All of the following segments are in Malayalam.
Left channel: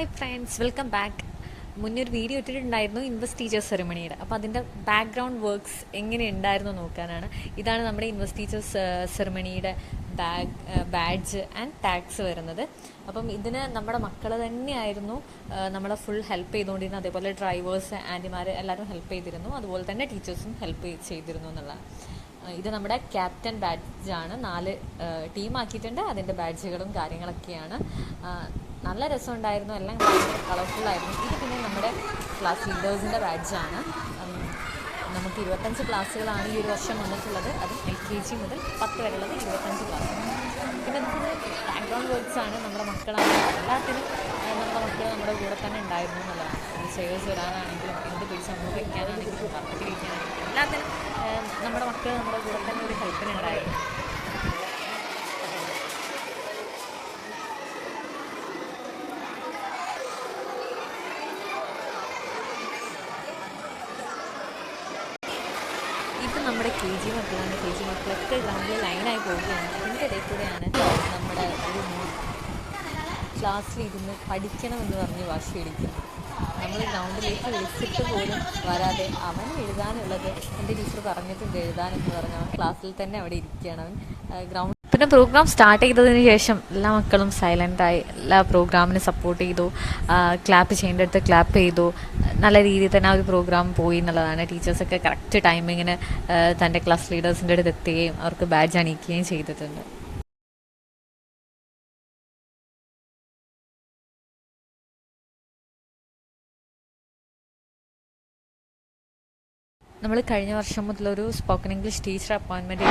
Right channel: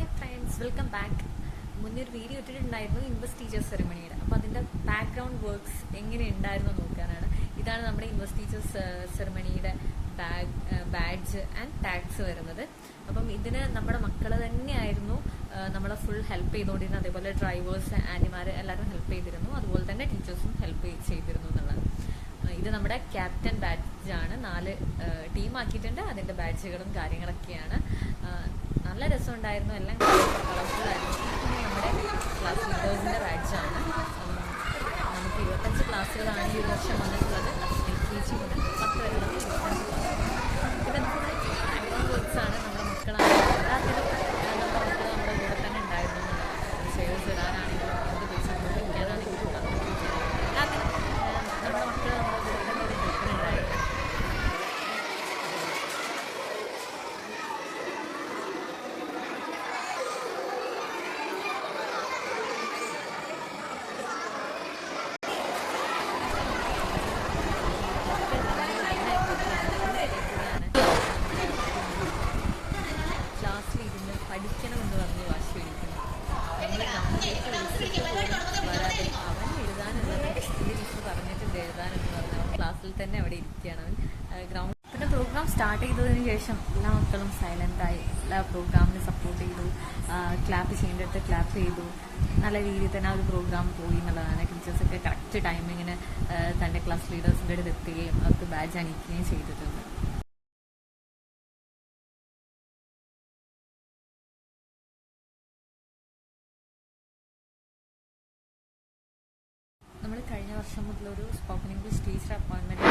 Hi friends, welcome back. മുന്നേ ഒരു വീഡിയോ ഇട്ടിട്ടുണ്ടായിരുന്നു ഇൻവെസ്റ്റ് ടീച്ചേഴ്സ് സെറമണിയുടെ. അപ്പോൾ അതിൻ്റെ ബാക്ക്ഗ്രൗണ്ട് വർക്ക്സ് എങ്ങനെ ഉണ്ടായിരുന്നു നോക്കാനാണ്. ഇതാണ് നമ്മുടെ ഇൻവെസ്റ്റ് ടീച്ചേഴ്സ് സെറമണിയുടെ ബാഡ്ജ് ആൻഡ് ടാഗ്സ് വരുന്നത്. അപ്പം ഇതിന് നമ്മുടെ മക്കൾ തന്നെയായിരുന്നു നമ്മളെ ഫുൾ ഹെൽപ്പ് ചെയ്തുകൊണ്ടിരുന്നത്. അതേപോലെ ഡ്രൈവേഴ്സ്, ആൻറ്റിമാർ എല്ലാവരും ഹെൽപ്പ് ചെയ്തിരുന്നു. അതുപോലെ തന്നെ ടീച്ചേഴ്സും ഹെൽപ്പ് ചെയ്തിരുന്നു എന്നുള്ളതാണ്. ഇത് നമ്മുടെ ക്യാപ്റ്റൻ ബാഡ്ജാണ്. 4 ടീമാക്കിയിട്ടുണ്ട്. അതിൻ്റെ ബാഡ്ജുകളും കാര്യങ്ങളൊക്കെയാണ്. നല്ല രസമുണ്ടായിരുന്നു. എല്ലാം കളർഫുള്ളായിരുന്നു. ഇത് പിന്നെ നമ്മുടെ ക്ലാസ് ലീഡേഴ്സിൻ്റെ ബാഡ്ജാണ്. നമുക്ക് 25 ക്ലാസ്സുകളാണ് ഈ ഒരു വർഷം വന്നിട്ടുള്ളത്. അത് LKG മുതൽ 10 വരെയുള്ള 25 ക്ലാസ്. പിന്നെ ഫുൾ ബാക്ക്ഗ്രൗണ്ട് വർക്ക്സാണ്. നമ്മുടെ മക്കളാണ് എല്ലാത്തിനും നമ്മുടെ മക്കൾ നമ്മുടെ കൂടെ തന്നെ ഉണ്ടായിരുന്നു എന്നുള്ളതാണ്. ചെയേഴ്സ് ഇടാനാണെങ്കിലും എന്ത് പൈസ അങ്ങോട്ട് ഇടാനാണെങ്കിലും എല്ലാത്തിനും നമ്മുടെ മക്കൾ നമ്മുടെ കൂടെ തന്നെ ഒരു ഹെൽപ്പിനുണ്ടായിരുന്നു. ഇത് നമ്മുടെ KG മക്കളുണ്ട്. KG മക്കളൊക്കെ ഗ്രൗണ്ടിൽ ലൈനായി പോവുകയാണ്. അതിൻ്റെ ഇടയിൽ കൂടെയാണ് നമ്മുടെ ക്ലാസ്സിലിരുന്ന് പഠിക്കണമെന്ന് പറഞ്ഞ് വാശി പിടിക്കുന്നത്. നമ്മൾ ഗ്രൗണ്ടിലേക്ക് വിളിച്ചിട്ട് പോലും വരാതെ അവൻ എഴുതാനുള്ളത് എൻ്റെ ടീച്ചർ പറഞ്ഞിട്ടുണ്ട് എഴുതാനെന്ന് പറഞ്ഞ് അവൻ ക്ലാസ്സിൽ തന്നെ അവിടെ ഇരിക്കുകയാണ്. അവൻ ഗ്രൗണ്ട് പിന്നെ പ്രോഗ്രാം സ്റ്റാർട്ട് ചെയ്തതിന് ശേഷം എല്ലാ മക്കളും സൈലൻ്റായി എല്ലാ പ്രോഗ്രാമിനും സപ്പോർട്ട് ചെയ്തു. ക്ലാപ്പ് ചെയ്യേണ്ടടുത്ത് ക്ലാപ്പ് ചെയ്തു. നല്ല രീതിയിൽ തന്നെ ആ ഒരു പ്രോഗ്രാം പോയി എന്നുള്ളതാണ്. ടീച്ചേഴ്സൊക്കെ കറക്റ്റ് ടൈമിങ്ങിന് തൻ്റെ ക്ലാസ് ലീഡേഴ്സിൻ്റെ അടുത്ത് എത്തുകയും അവർക്ക് ബാഡ്ജ് അണിയിക്കുകയും ചെയ്തിട്ടുണ്ട്. നമ്മൾ കഴിഞ്ഞ വർഷം മുതലൊരു spoken English teacher appointment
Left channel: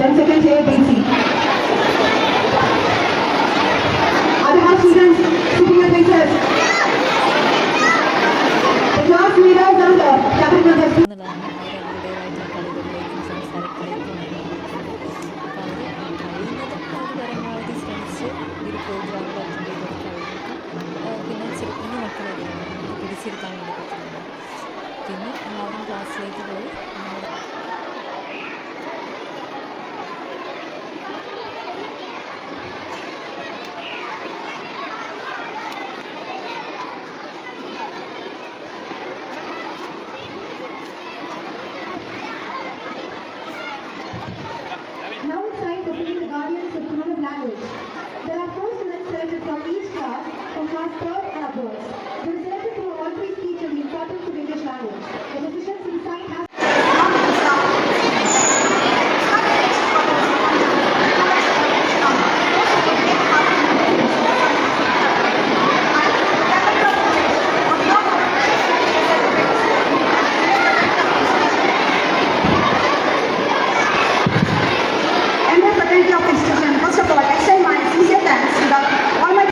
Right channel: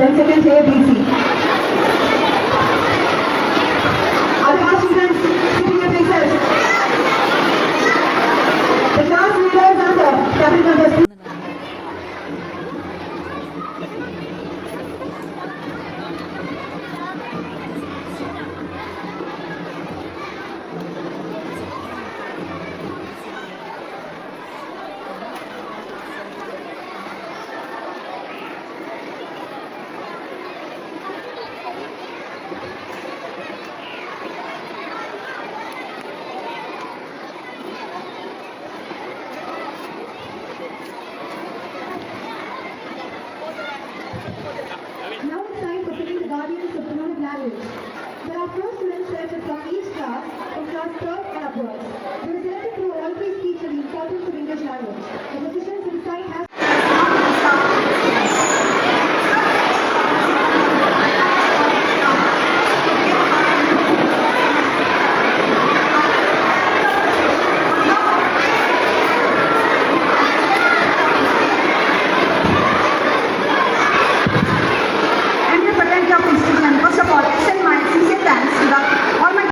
Then second play,